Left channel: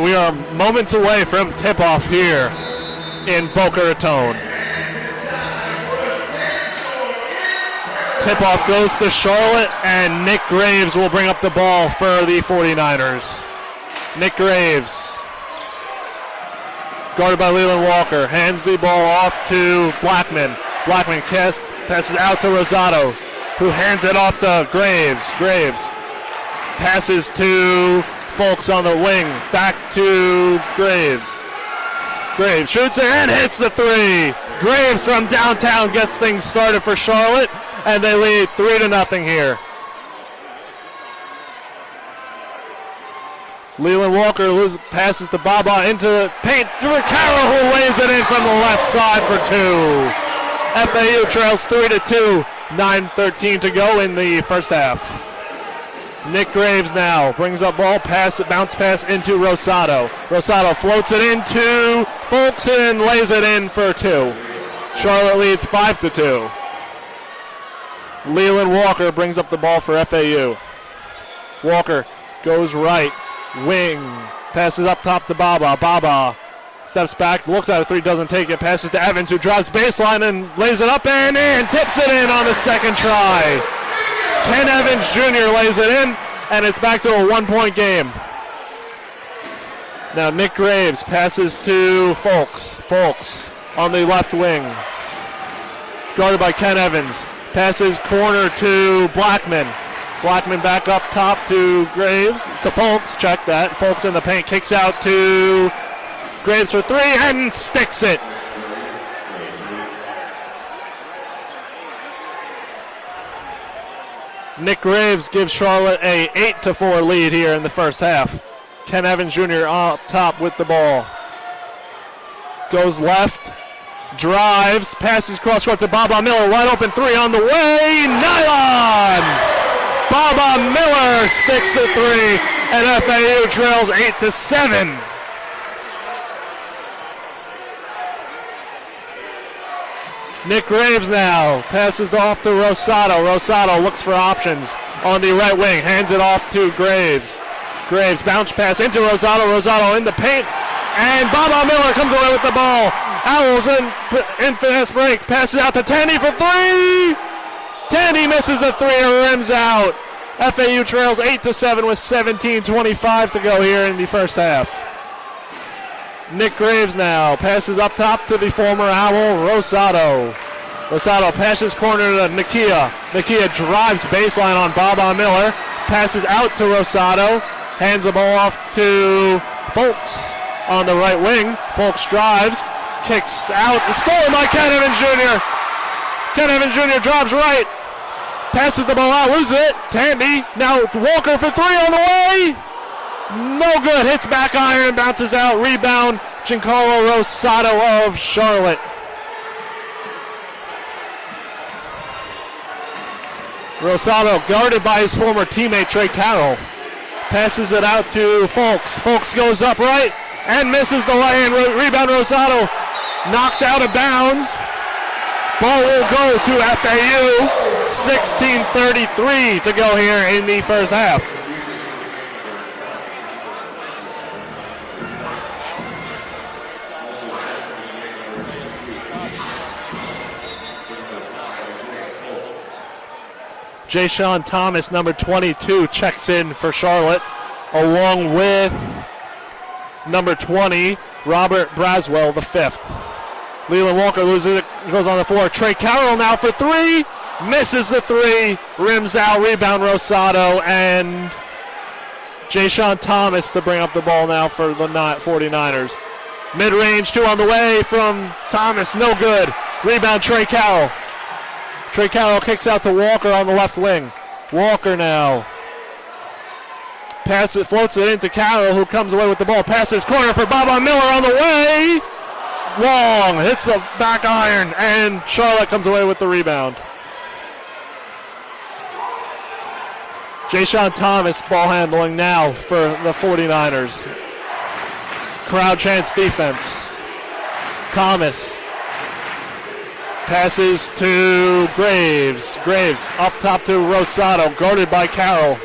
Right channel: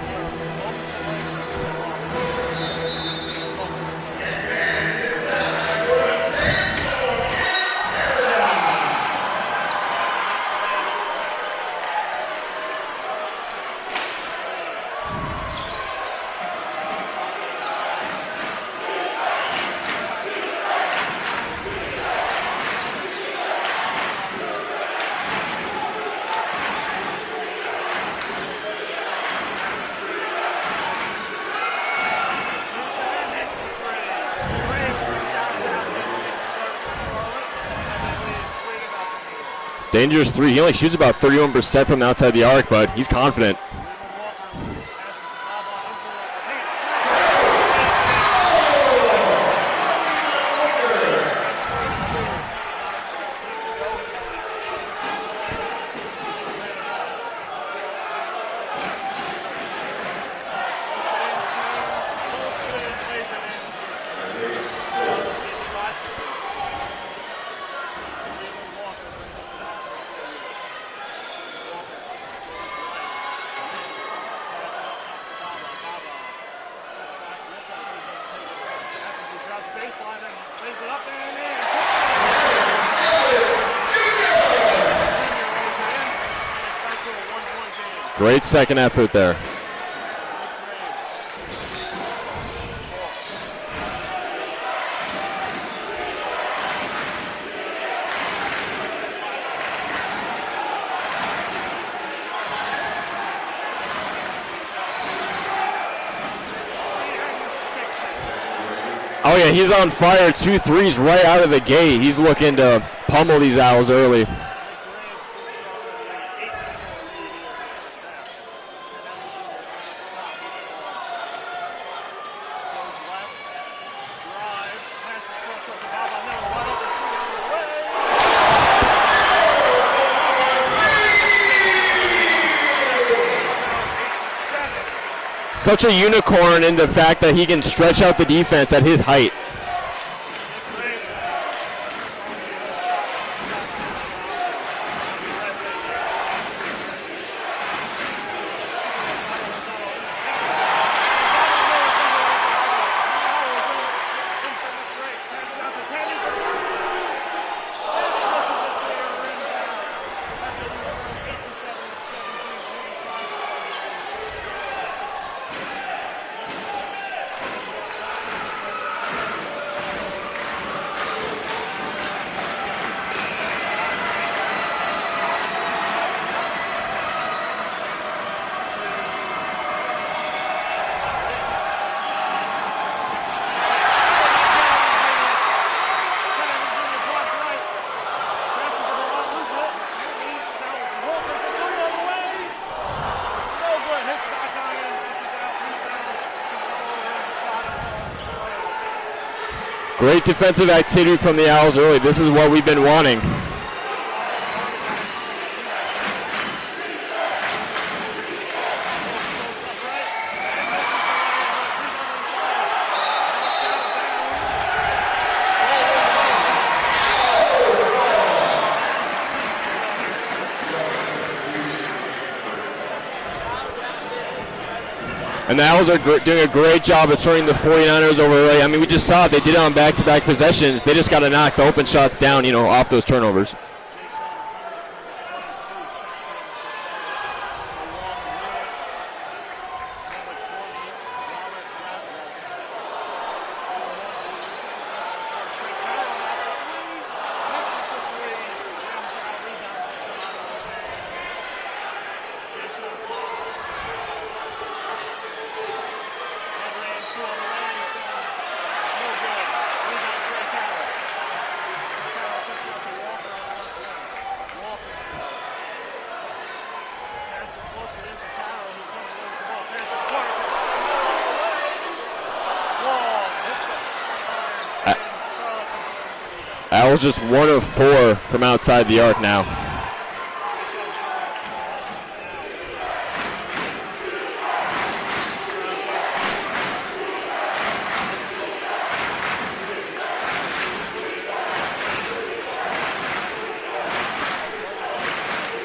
We are moments away from tip-off here in Boca Raton. Tip-off goes to Charlotte, and Nick Graves will bring up the ball for the 49ers. Nick Graves, guarded by Leland Walker, hands the ball off to Blackman. Blackman passes out to Rosado, who hands it off to Graves. Graves passes to Folks on the wing, back to Graves. Graves shoots it and hits the three. Graves from downtown gets things started for Charlotte, and they lead 3-0 here. Dangerous three. He only shoots about 31% from outside the arc, but he's confident. Leland Walker passes to Baba into the paint. Carroll, who lays it in from the left side for two. FAU trails 3-2. 9:13 to go in the first half. Nick Graves now brings up ball, bounce pass into Rosado. Rosado floats it into Folks and lays it in for two. Charlotte leads 5-2. Leland Walker brings up the ball for FAU. Walker goes right, wing, passes up top to Baba. Baba steps back, looks at a three, doesn't take it, passes to Evans, who drives baseline and lays it up and in, tips it in on the second try. Ken Evans Jr. lays it in, and it's back to a 1-point game. Great second effort there. Now Nick Graves passes to Folks. Folks on the left wing, guarded by Ken Evans. Passes corner to Blackman. Blackman back up top to Graves. To Folks, check that. Folks in the paint, kicks out to Graves for three and sticks it. Oh yeah, he's on fire. 2 threes right out of the gate. He's looking to pummel these Owls early. Nick Graves gives Charlotte a 8-4 lead here in the first half. Ken Evans Jr. up top with the ball. Goes left, drives, passes cross court to Baba Miller. Wide open three on the way. Nylon! Baba Miller sticks a three, and FAU trails 8-7. Such a unicorn in the fact that he can stretch out the defense at his height. Nick Graves now passes off to Rosado. Rosado looks for options on the right wing, hands it off to Graves. Graves bounce pass into Rosado. Rosado in the paint, and Baba Miller comes away with the ball. Owls in fast break, passes out to Tandy for three. Tandy misses a three and rims out. FAU trails 8-7 with 17:25 to go here in the first half. Nick Graves now passes up top to the former Owl, Rosado. Rosado passes corner to Nakia. Nakia drives baseline on Baba Miller, passes out to Rosado, hands the ball off to Folks on the right wing. Folks drives, kicks out, stolen by Ken Evans Jr. Ken Evans Jr. drives right, passes the ball out, loses it. Tandy, now Walker for three on the way. No good, hits back iron, bounces out, rebound, Giancarlo Rosado of Charlotte. Great defensive activity from the Owls early. This is what we've been wanting. Rosado guarded by his former teammate Trey Carroll. Passes it out to Folks. Folks goes up right and misses the lane. Rebound Rosado, knocked out of bounds. Ball will go to FAU. 16:33 to go here in the first half. And the Owls are doing a great job at turning the 49ers over early. I mean, we just saw it. They did it on back-to-back possessions. They just got to knock the open shots down, off those turnovers. Jay-Sean Thomas, number 22, checks in for Charlotte, along with number 20, Robert Braswell, the fifth. Leland Walker loses it, goes on the floor. Trey Carroll now for three, misses the three, rims out, rebound Rosado, and Jay-Sean Thomas to bring up the ball now for the 49ers. Mid-range, two on the way from Thomas, no good. Rebound Trey Carroll. Trey Carroll kicks out to Walker on the left wing. Walker now floats it into Carroll, who comes away with the ball. Passes corner for Baba Miller on the way. Long, hits a back iron, and Charlotte comes away with the rebound. Owls just 1 of 4 from outside the arc now. Jay-Sean Thomas ball handling now for the 49ers. Crowd chants defense. Thomas passes to Graves. Graves up top to Rosado, guarded by Carroll.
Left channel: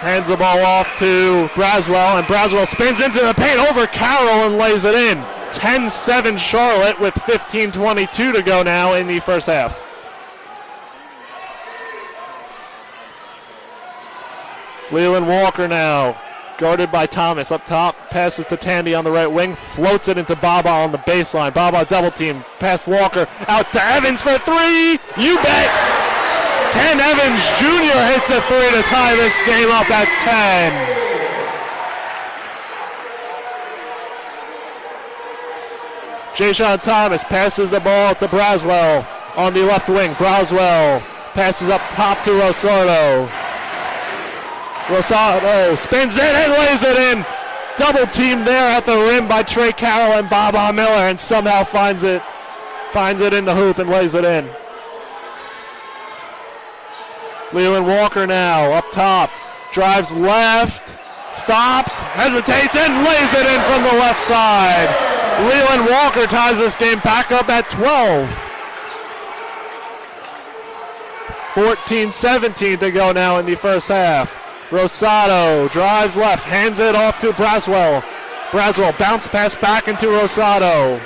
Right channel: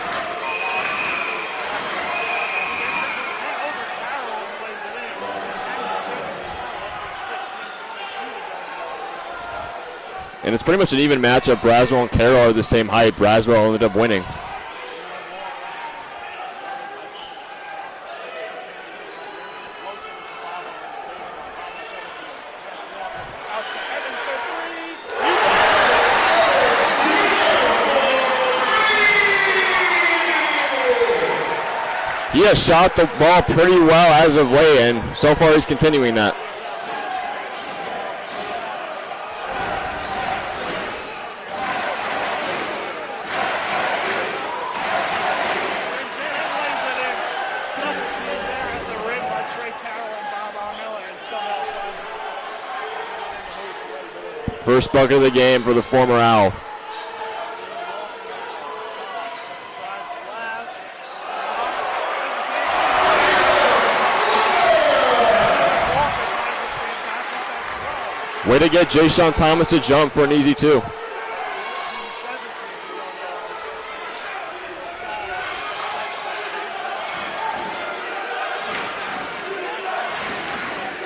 Hands the ball off to Braswell, and Braswell spins into the paint over Carroll and lays it in. 10-7 Charlotte with 15:22 to go now in the first half. And it's pretty much an even matchup. Braswell and Carroll are the same height. Braswell ended up winning. Leland Walker now, guarded by Thomas. Up top, passes to Tandy on the right wing, floats it into Baba on the baseline. Baba double team, pass Walker, out to Evans for three. You bet. Ken Evans Jr. hits a three to tie this game up at 10. He has shot the ball pretty well as of late, and so far he's continuing that. Jay-Sean Thomas passes the ball to Braswell on the left wing. Braswell passes up top to Rosado. Rosado spins it and lays it in. Double team there at the rim by Trey Carroll and Baba Miller, and somehow finds it in the hoop and lays it in. First bucket of the game for the former Owl. Leland Walker now up top, drives left, stops, hesitates, and lays it in from the left side. Leland Walker ties this game back up at 12. Way to get Jay-Sean Thomas to jump for an easy two. 14-17 to go now in the first half. Rosado drives left, hands it off to Braswell. Braswell bounce pass back into Rosado.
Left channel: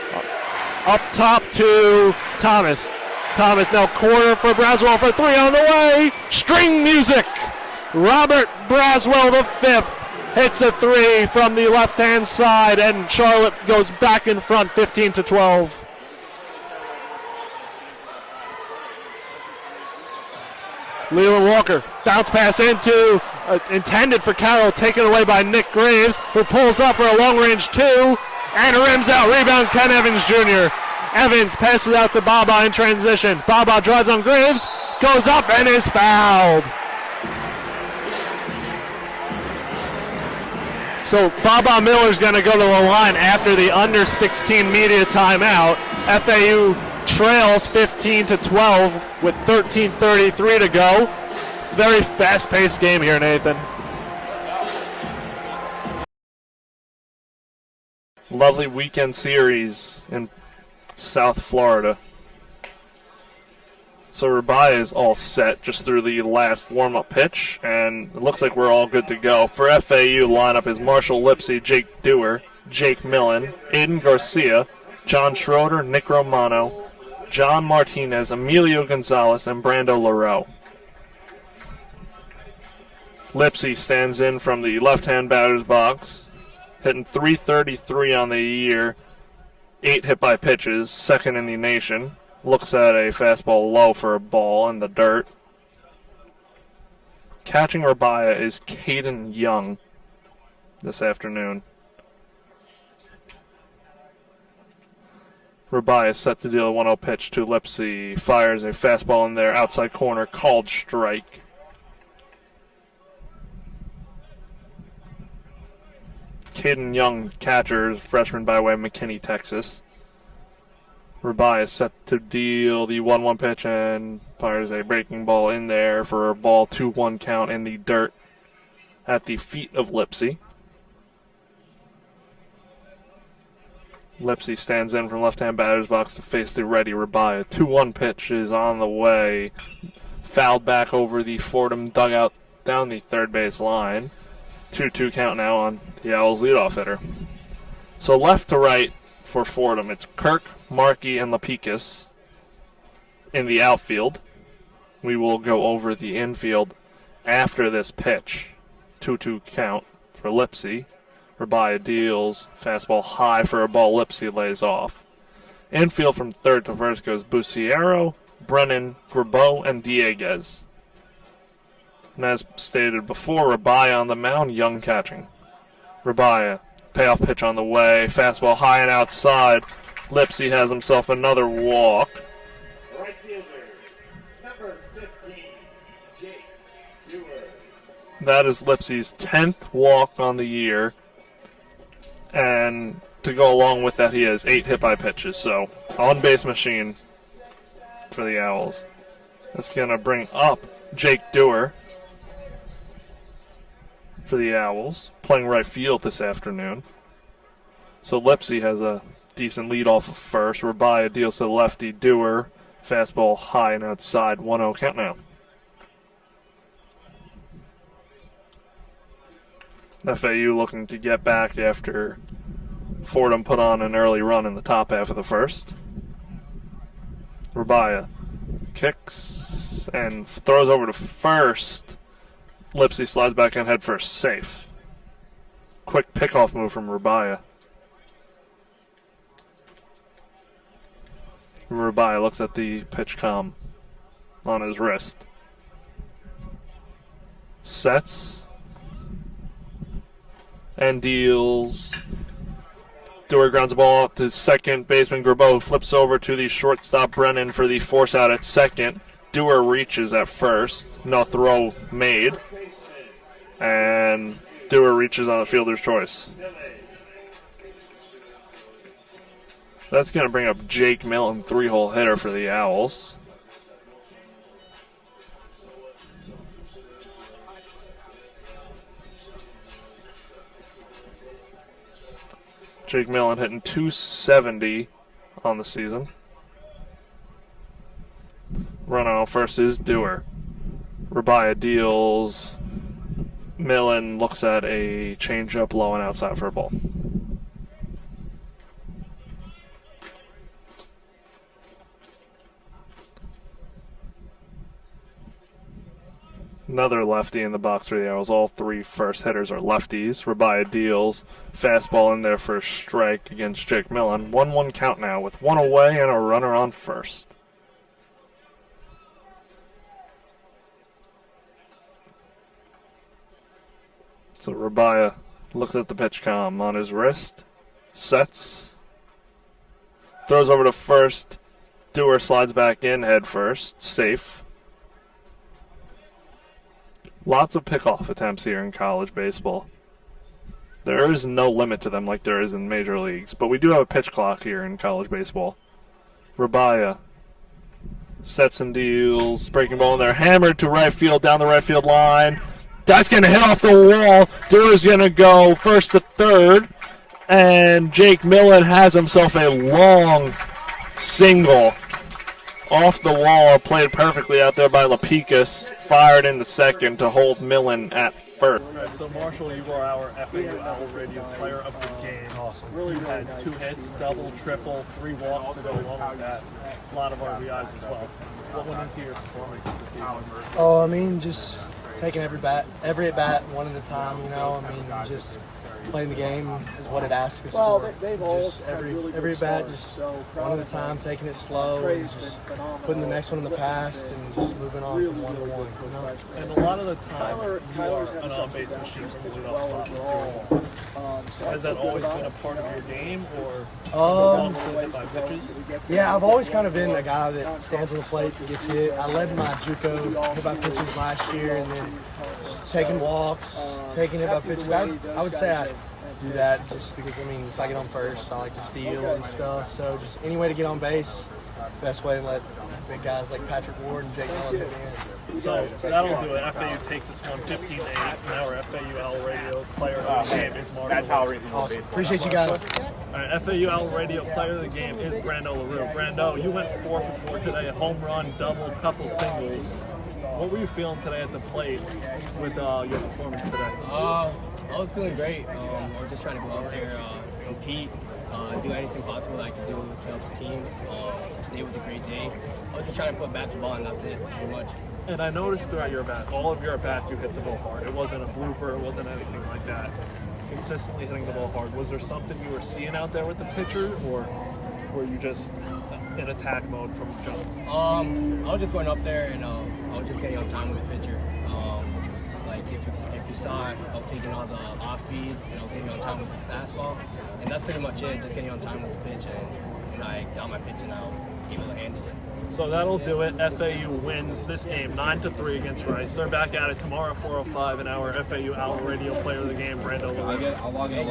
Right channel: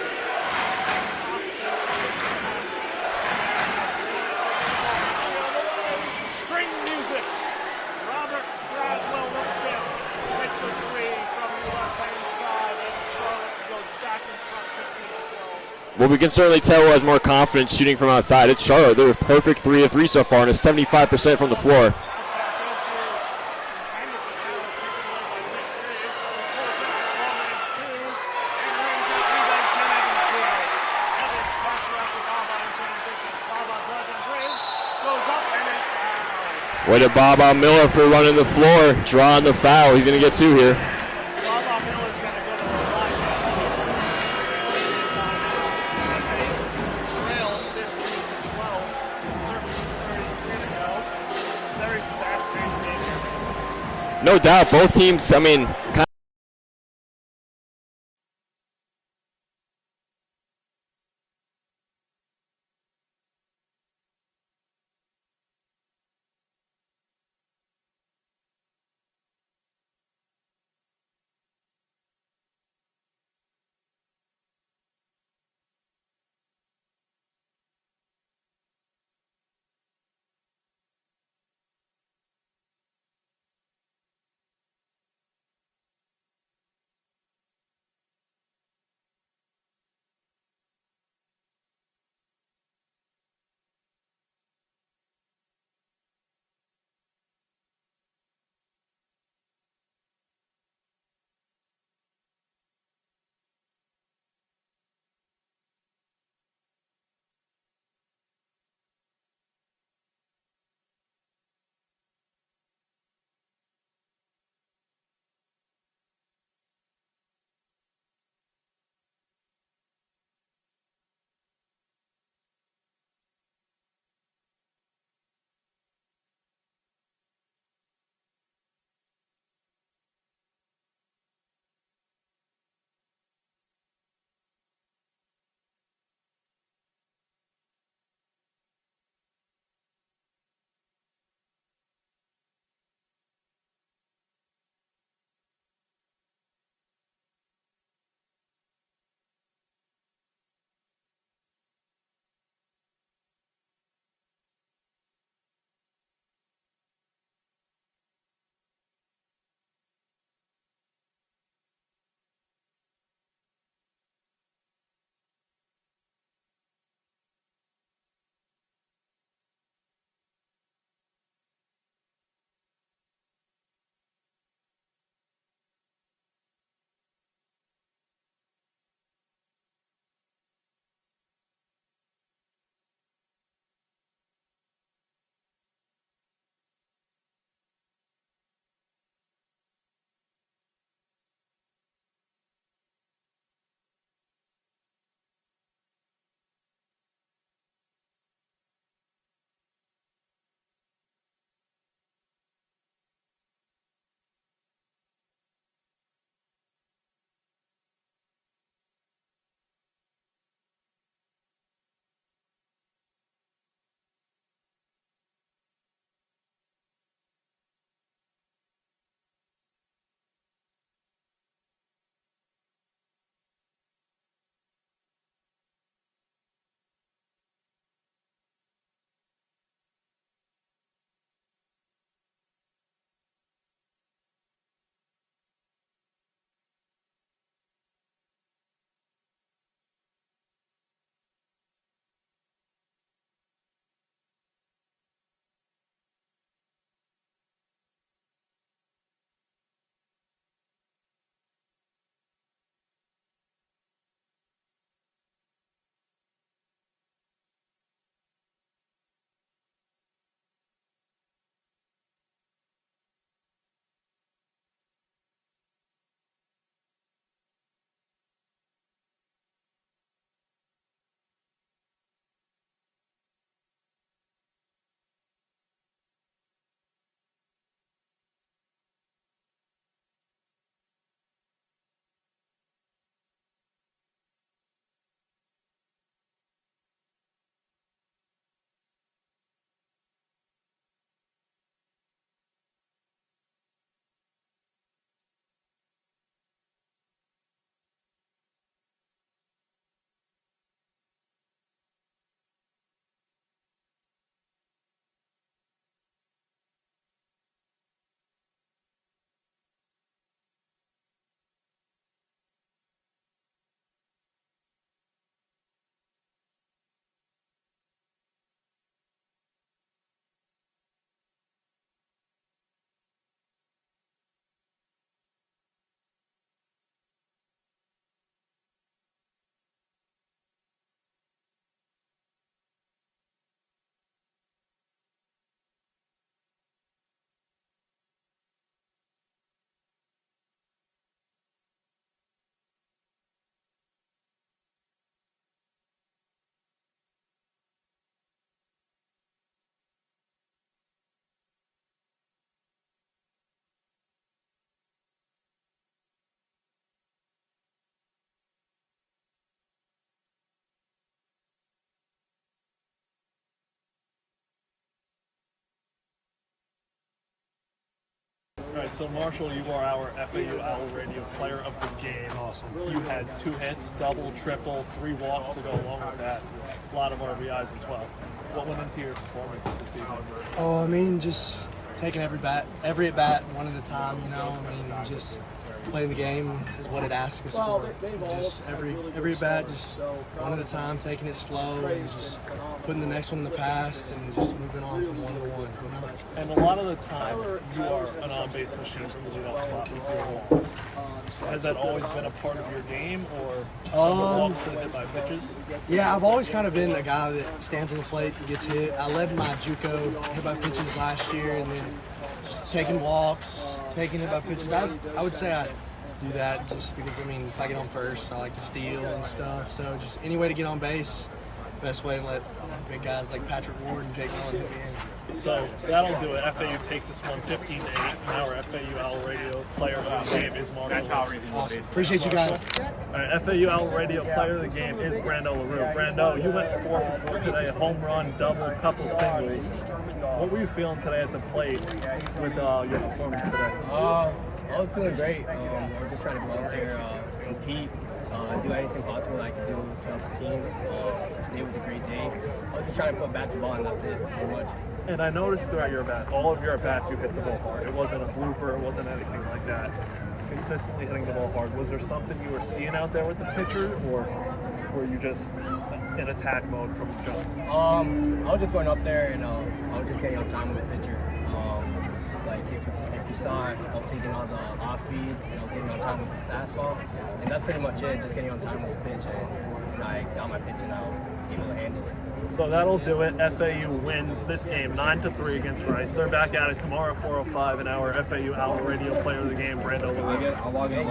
Up top to Thomas. Thomas now corner for Braswell for three on the way. String music. Robert Braswell the fifth hits a three from the left-hand side, and Charlotte goes back in front 15-12. Well, we can certainly tell who has more confidence shooting from outside. It's Charlotte. They're a perfect 3 of 3 so far, and a 75% from the floor. Bounce pass into, intended for Carroll, taken away by Nick Graves, who pulls up for a long-range two, and rims out. Rebound, Ken Evans Jr. Evans passes out to Baba in transition. Baba drives on Graves, goes up, and is fouled. Way to Baba Miller for running the floor, drawing the foul. He's going to get two here. So Baba Miller's going to go to the line after the under 16 media timeout. FAU trails 15-12 with 13:33 to go. Very fast-paced game here, Nathan. No doubt, both teams, Lovely weekend series in South Florida. So Rabaya is all set just through the last warm-up pitch, and it looks like we're all good to go. For FAU, lineup is Marshall Lipsy, Jake Dewar, Jake Millen, Aiden Garcia, John Schroeder, Nick Romano, John Martinez, Emilio Gonzalez, and Brando Lareau. Lipsy stands in from the left-hand batter's box, hitting .333 on the year, 8 hit by pitches, second in the nation. Looks at a fastball low for a ball in the dirt. Catching Rabaya is Caden Young this afternoon. Rabaya is set to deal a 1-0 pitch to Lipsy. Fires a fastball in there, outside corner, called strike. Caden Young, catcher, freshman by way of McKinney, Texas. Rabaya is set to deal the 1-1 pitch and fires a breaking ball in there for a ball 2-1 count in the dirt at the feet of Lipsy. Lipsy stands in from left-hand batter's box to face the ready Rabaya. 2-1 pitch is on the way. Fouled back over the Fordham dugout down the third base line. 2-2 count now on the Owls leadoff hitter. So left to right for Fordham, it's Kirk, Markey, and Lapikis in the outfield. We will go over the infield after this pitch. 2-2 count for Lipsy. Rabaya deals fastball high for a ball. Lipsy lays off. Infield from third to first goes Buciero, Brennan, Grabeau, and Dieguez. And as stated before, Rabaya on the mound, Young catching. Rabaya, payoff pitch on the way, fastball high and outside. Lipsy has himself another walk. Right fielder, number 15, Jake Dewar. That is Lipsy's 10th walk on the year. And to go along with that, he has 8 hit by pitches. So, on-base machine for the Owls. That's going to bring up Jake Dewar for the Owls, playing right field this afternoon. So Lipsy has a decent lead off of first. Rabaya deals to the lefty. Dewar, fastball high and outside. 1-0 count now. FAU looking to get back after Fordham put on an early run in the top half of the first. Rabia kicks and throws over to first. Lipsy slides back in head first, safe. Quick pickoff move from Rabia. Rabia looks at the pitch comm on his wrist. Sets and deals. Dewar grounds the ball up to second baseman Grabeau, who flips over to the shortstop Brennan for the force out at second. Dewar reaches at first. No throw made. And Dewar reaches on the fielder's choice. That's going to bring up Jake Millen, 3-hole hitter for the Owls. Jake Millen hitting .270 on the season. Runner on first is Dewar. Rabia deals. Millen looks at a changeup low and outside for a ball. Another lefty in the box for the Owls. All three first hitters are lefties. Rabia deals. Fastball in there for a strike against Jake Millen. 1-1 count now with one away and a runner on first. So Rabia looks at the pitch comm on his wrist. Sets. Throws over to first. Dewar slides back in head first. Safe. Lots of pickoff attempts here in college baseball. There is no limit to them like there is in major leagues, but we do have a pitch clock here in college baseball. Rabia sets and deals, breaking ball in there, hammered to right field, down the right field line. That's going to hit off the wall. Dewar's going to go first to third, and Jake Millen has himself a long single off the wall, played perfectly out there by Lapicus. Fired into second to hold Millen at first. All right, so Marshall, you are our FAU Owl Radio Player of the Game. Awesome. You had 2 hits, double, triple, 3 walks to go along with that. A lot of RBIs as well. What went into your performance this evening? Oh, I mean, just taking every at bat, one at a time. You know, I mean, just playing the game is what it asks us for. Just every at bat, just one at a time, taking it slow, and just putting the next one in the past, and just moving on from one to one. You know. And a lot of the time, you are an on-base machine from the leadoff spot with your walks. Has that always been a part of your game, or walks that hit by pitches? Yeah, I've always kind of been a guy that stands on the plate and gets hit. I led my JUCO hit by pitches last year, and then just taking walks, taking hit by pitches. I would say I do that just because, I mean, if I get on first, I like to steal and stuff. So just any way to get on base, best way to let big guys like Patrick Ward and Jake Millen hit me in. So that'll do it. FAU takes this one 15-8, and our FAU Owl Radio Player of the Game is Marshall. Awesome. Appreciate you guys. All right, FAU Owl Radio Player of the Game is Brando LaRue. Brando, you went 4 for 4 today, a home run, double, couple singles. What were you feeling today at the plate with your performance today? I was feeling great. I was just trying to go out there, compete, do anything possible that I could do to help the team. Today was a great day. I was just trying to put bat to ball, and that's it, pretty much. And I noticed throughout your bat, all of your at-bats, you hit the ball hard. It wasn't a blooper, it wasn't anything like that. Consistently hitting the ball hard. Was there something you were seeing out there with the pitcher, or were you just in attack mode from the jump? I was just going up there, and I was just getting on time with the pitcher. Like if you saw it, I was taking on the off speed, and I was getting on time with the fastball, and that's pretty much it. Just getting on time with the pitch, and I got my pitch, and I was able to handle it. So that'll do it. FAU wins this game 9-3 against Rice. They're back at it tomorrow at 4:05, and our FAU Owl Radio Player of the Game, Brando LaRue. I'll log in.